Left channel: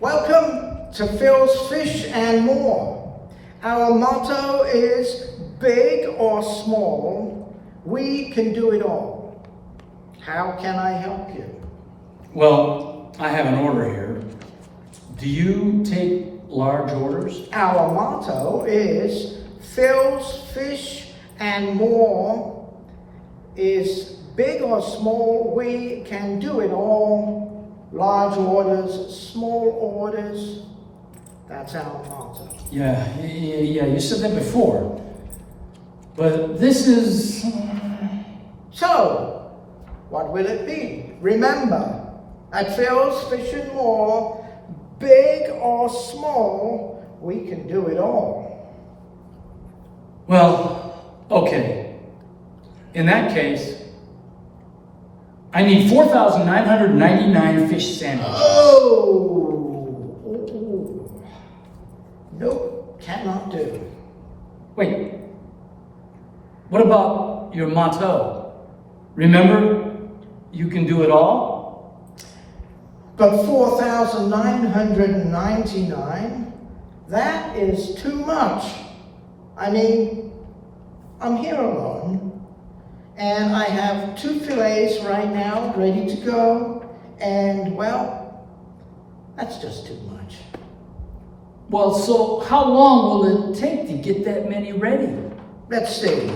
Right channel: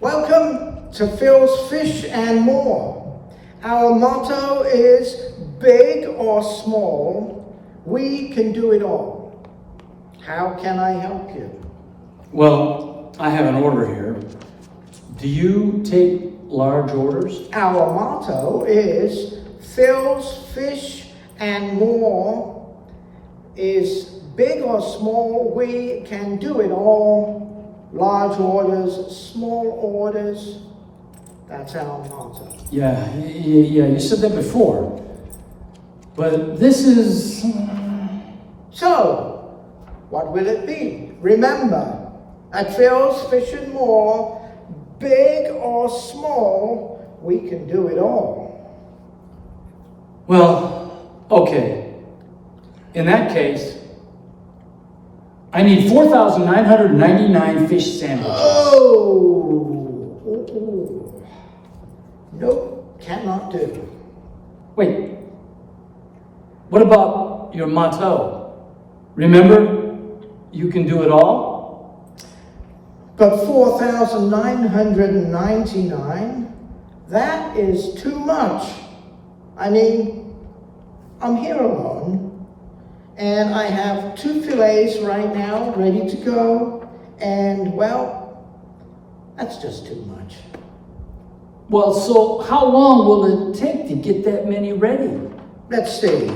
Welcome to Phil's Fish and More. Our motto is big or small, we can do it all. How can I help you? Well, I have an order here. Do you take large orders? Our motto is Phil's Fish and More is big or small, we can do it all. Large orders, small orders, that's our motto. Yeah, you said that before. But this is... So, what will it be? Remember, at Phil's Fish and More, big or small, we can do it all. Well, okay. In that case, I need 4,999 fish sandwiches. Oh! Nope, cannot do. Wait. What about your motto? Remember, you can do it all? But 4,999, that is too much. I mean, I'm here alone. And I have 2 fillets right now, ready to go. And, well, that's just too much. Well, so how long will it take to get that many ready? Let's see.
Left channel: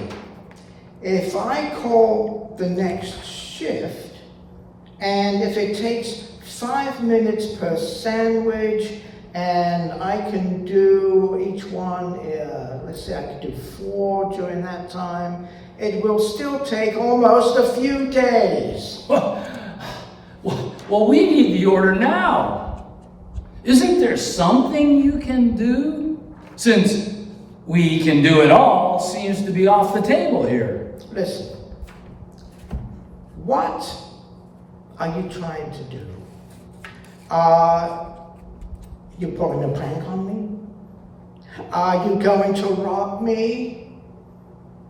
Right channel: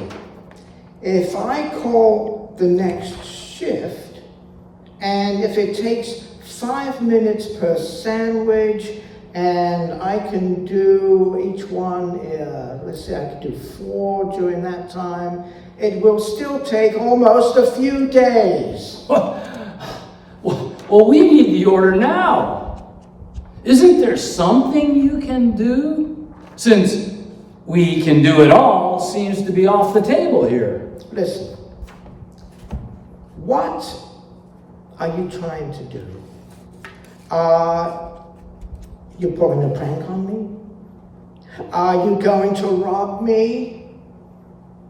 If I call the next shift, and if it takes 5 minutes per sandwich, and I can do each one, let's say I could do 4 during that time, it will still take almost a few days. Well, we need the order now. Isn't there something you can do? Since we can do it all seems to be off the table here. Listen, what are you trying to do? You pulling a prank on me? Are you going to rob me?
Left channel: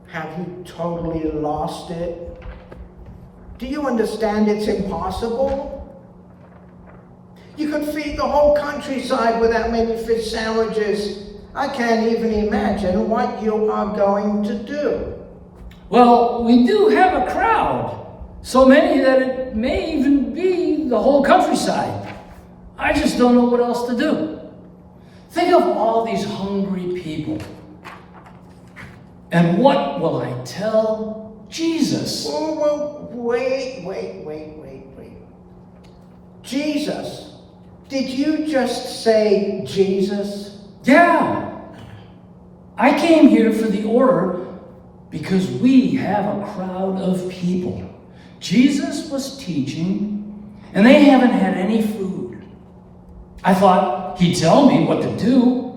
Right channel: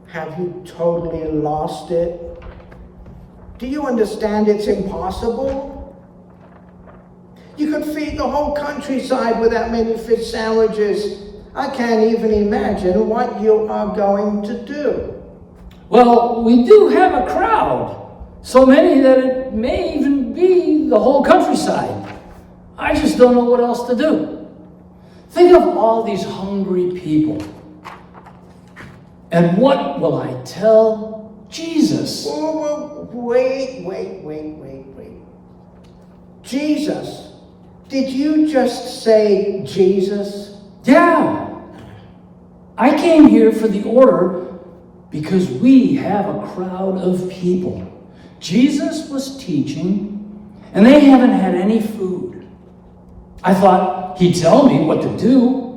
Have you totally lost it? Do you understand it's impossible? You could feed the whole countryside with that many fish sandwiches. I can't even imagine what you are going to do. Well, we do have a crowd. So many that it may even be the whole countryside. I just don't know what else to do. Think of all these hungry people. And what will I tell Jesus? Oh, wait. Jesus? Did you just say Jesus? Yeah. I came here for the order because we have a crowd of people. Jesus was teaching, and they haven't had any food. I thought he'd tell me what to do.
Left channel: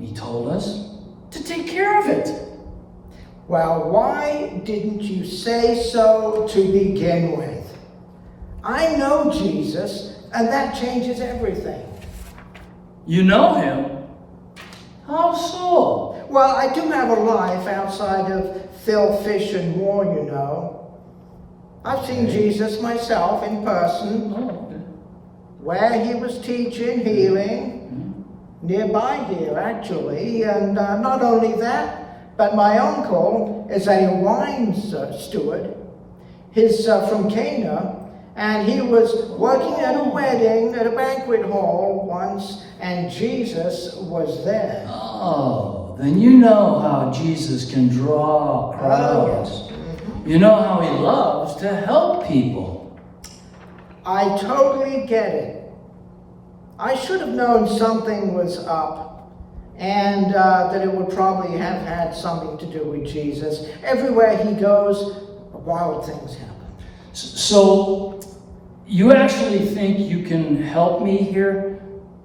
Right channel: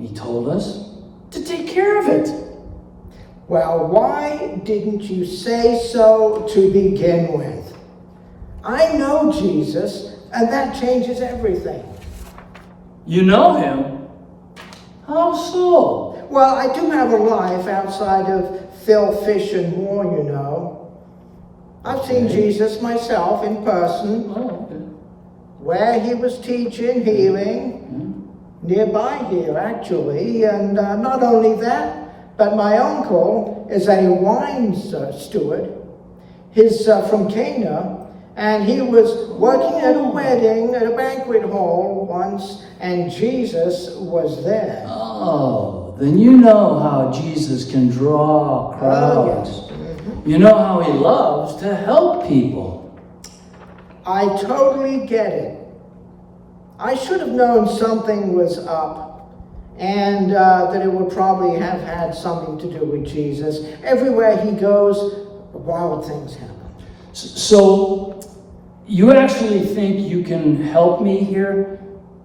He told us to take care of it. Well, why didn't you say so to begin with? I know Jesus, and that changes everything. You know him? How so? Well, I do have a life outside of Phil, Fish, and More, you know. I've seen Jesus myself in person, where he was teaching, healing, nearby here, actually. And not only that, but my uncle is a wine steward. He's from Cana, and he was working at a wedding at a banquet hall once, and Jesus was there. Oh, then you know how Jesus can draw crowds. Yes. You know how he loves to help people. I totally get it. I should have known something was up, and that it would probably have had something to do with Jesus. Everywhere he goes, wild things happen. So, you actually think you can help me here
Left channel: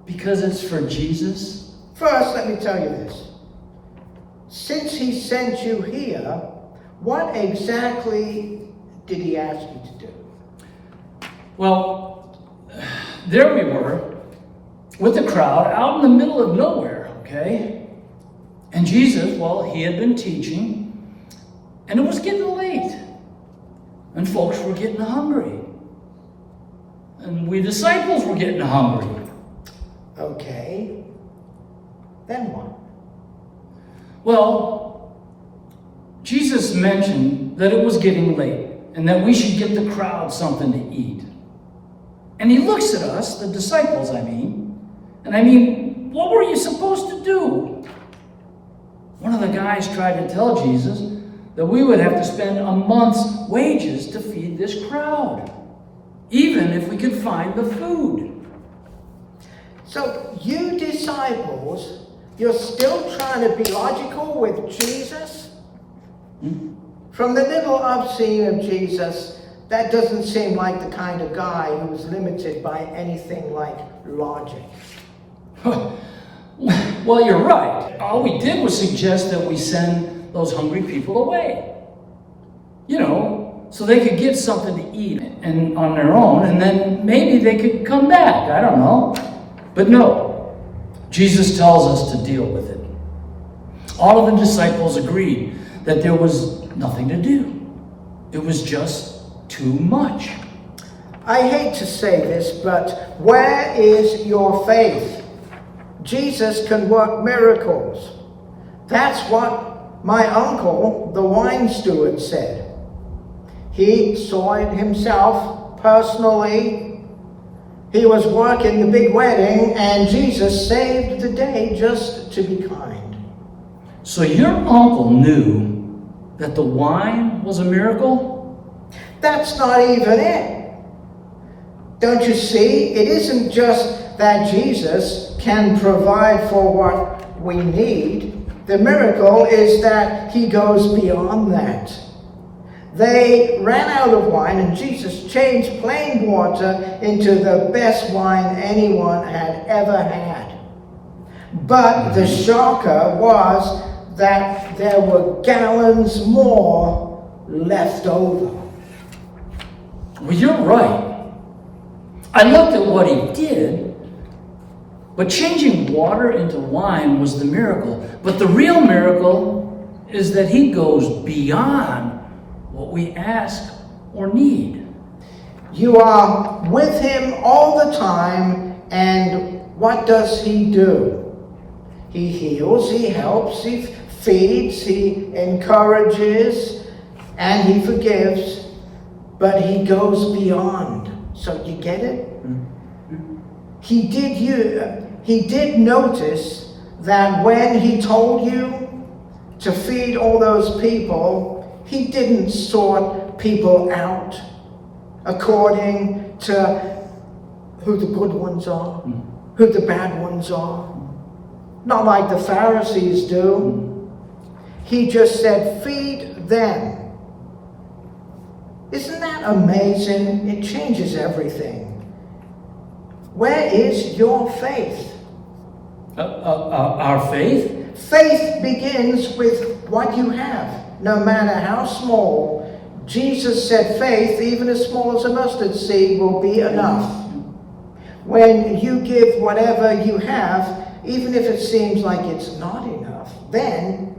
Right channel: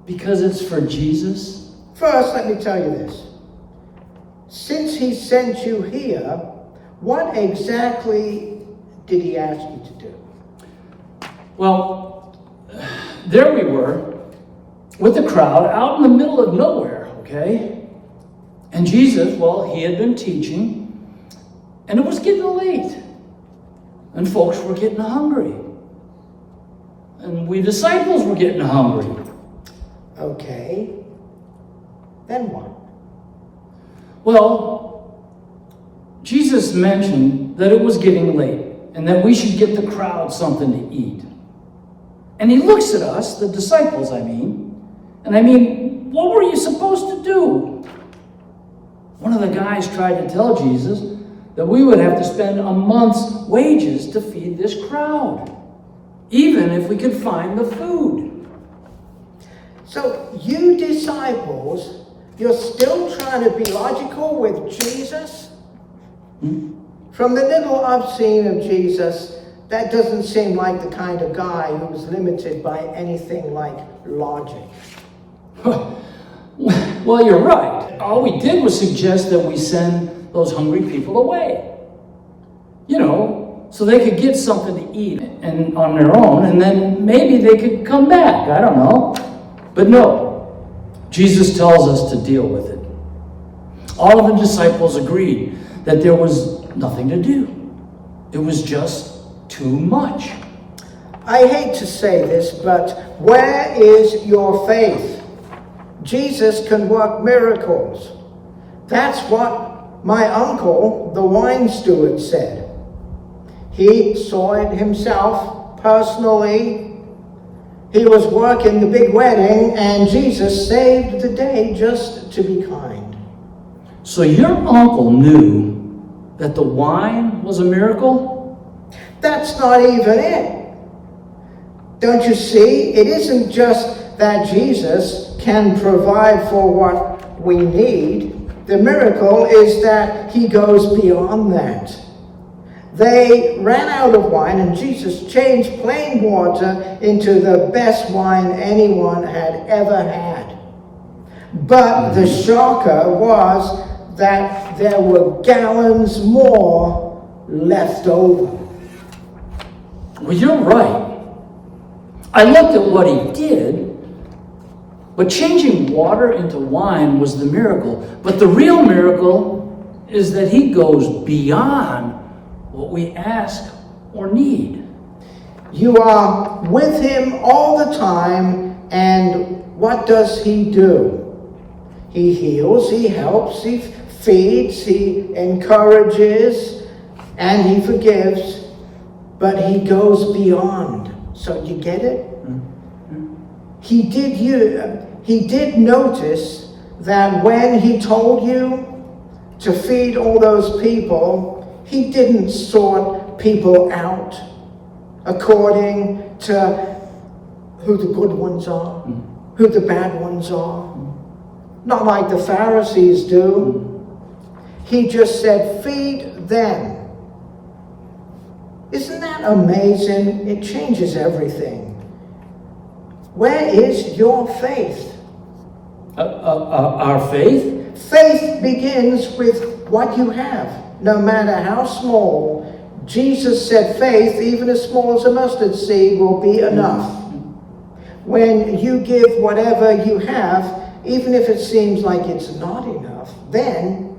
because it's for Jesus? First, let me tell you this. Since he sent you here, what exactly did he ask you to do? Well, there we were with the crowd out in the middle of nowhere, okay? And Jesus, well, he had been teaching, and it was getting late. And folks were getting hungry. And we disciples were getting hungry. Okay. Then what? Well, Jesus mentioned that it was getting late and that we should get the crowd something to eat. And he looks at us, the disciples, what were you supposed to do? One of the guys tried to tell Jesus that we would have to spend a month's wages to feed this crowd, even if we could find the food. So you disciples, you're still trying to be logical with Jesus? From the little I've seen of Jesus, that doesn't seem like the kind of guy who's limited by anything like logic. Well, you're right. All we did was suggest that we send those hungry people away. So they could get something to eat and on their own, and then maybe they could come back. I don't know. But no, Jesus tells us to deal with it. All of the disciples agreed that there was nothing to do. It was just too much. I hate to say this, but where is your faith? Jesus can work miracles. That's what my uncle, the wine steward, said. He saw it himself personally. He was working the big wedding, and Jesus saved the day just to be kind. So your uncle knew that the wine was a miracle? That's not even it. Don't you see? It isn't just that Jesus can provide for what we need. The miracle is that he goes beyond that. They ran out of wine, and Jesus changed plain water into the best wine anyone had ever had. But the shocker was that there were gallons more left over. Well, you're right. I looked at what he did, but changing water into wine was the miracle. But the real miracle is that he goes beyond what we ask or need. You are with him all the time, and what does he do? He heals, he helps, he feeds, he encourages, and he forgives, but he goes beyond. So you get it? He did notice that when he told you to feed all those people, he didn't sort people out according to who the good ones are, who the bad ones are. Not like the Pharisees do. He just said, feed them. Isn't that amazing? It changes everything. Where is your faith? Our faith? Faith begins with what you have. No matter how small, Jesus said faith, even as small as a mustard seed, will be enough. When you give whatever you have, even if it seems like it's not enough, then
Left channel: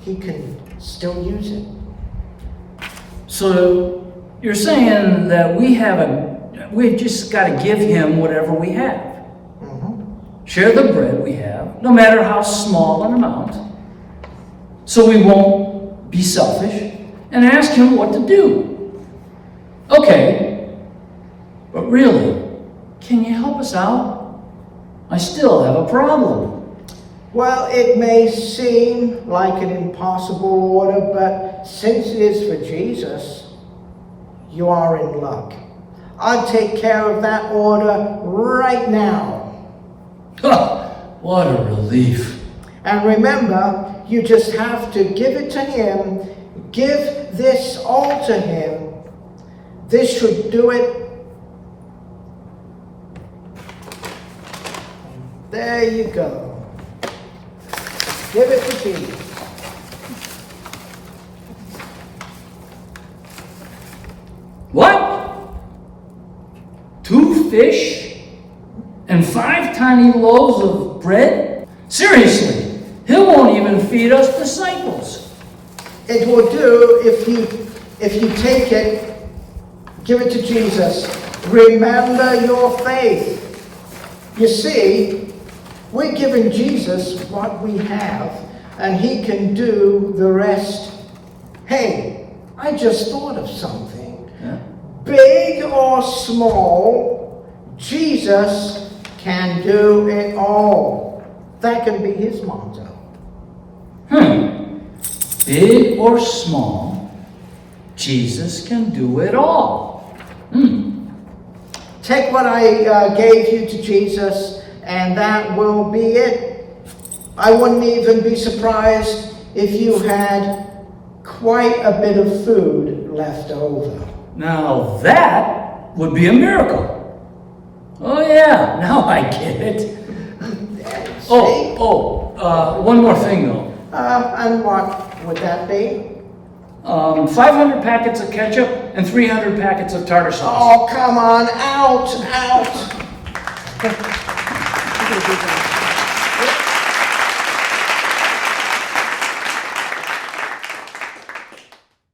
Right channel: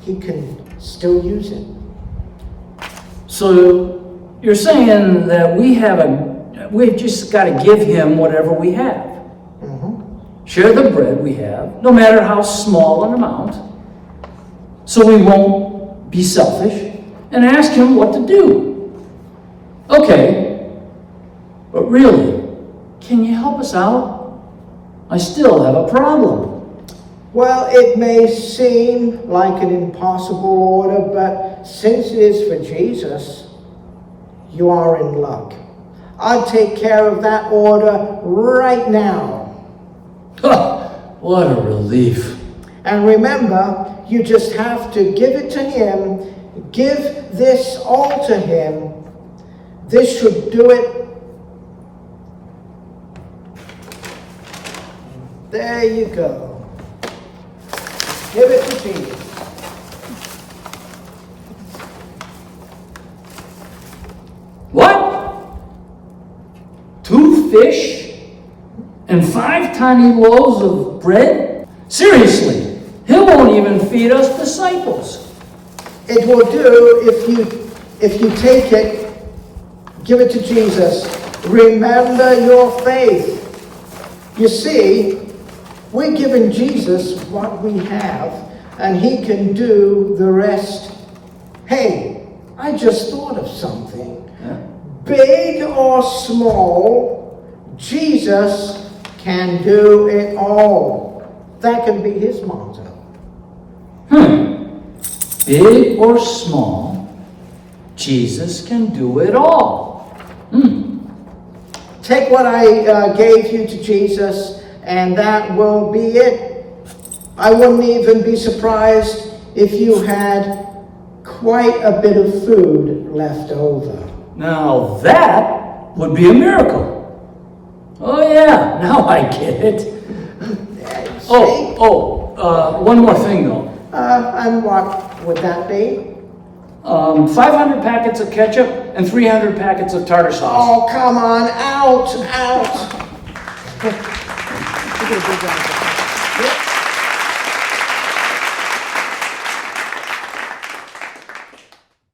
he can still use it. So you're saying that we've just got to give him whatever we have. Share the bread we have, no matter how small an amount, so we won't be selfish, and ask him what to do. Okay, but really, can you help us out? I still have a problem. Well, it may seem like an impossible order, but since it is for Jesus, you are in luck. I'll take care of that order right now. What a relief. And remember, you just have to give it to him. Give this all to him. This should do it. There you go. Give it to Jesus. What? 2 fish and 5 tiny loaves of bread? Seriously, he won't even feed us disciples. It will do if you take it, give it to Jesus. Remember your faith. You see, we're giving Jesus what we have, and he can do the rest. Hey, I just thought of something. Yeah. Big or small, Jesus can do it all. That can be his motto. Big or small, Jesus can do it all. Take what I gave you to Jesus, and that will be it. I wouldn't even be surprised if you had quite a bit of food left over. Now that would be a miracle. Oh yeah, now I get it. See? One more thing though. And what would that be? 500 packets of ketchup and 300 packets of tartar sauce. Oh, come on, out.